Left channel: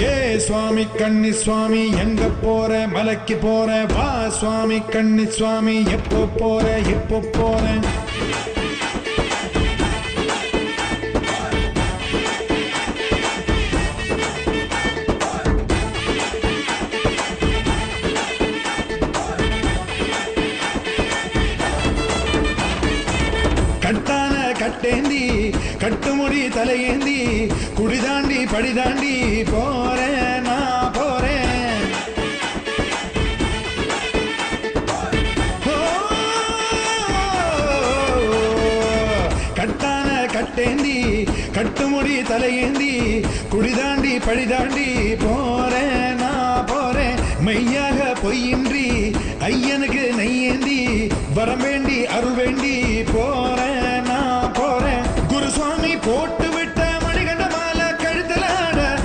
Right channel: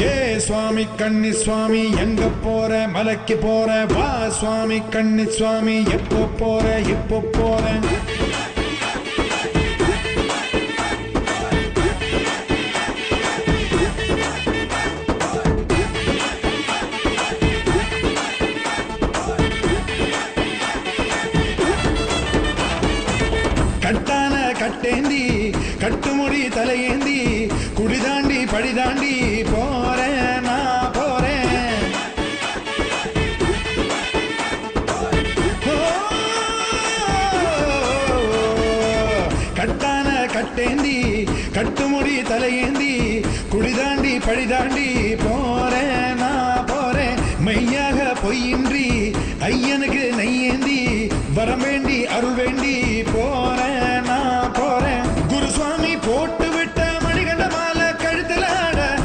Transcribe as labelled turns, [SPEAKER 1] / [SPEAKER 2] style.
[SPEAKER 1] ஏ சுவாமி கண்ணி சுவாமி எங்க போற? மலைக்கு போற? வா சுவாமி கண்ணி சுவாமி எப்போ போற? எப்போ போற? கட்டான கட்டேந்தி கட்டுமுடி தலையேந்தி குடிதாண்டி படிதாண்டி போறேன். நான் போறேன் கட்டான கட்டேந்தி கட்டுமுடி தலையேந்தி குடிதாண்டி படிதாண்டி போறேன் நான் போறேன். மெய்யாக பொய்யின்றி ஐயனுக்கு நெய்யேந்தி வரம் வேண்டி அருள் வேண்டி போறேன். போட்டு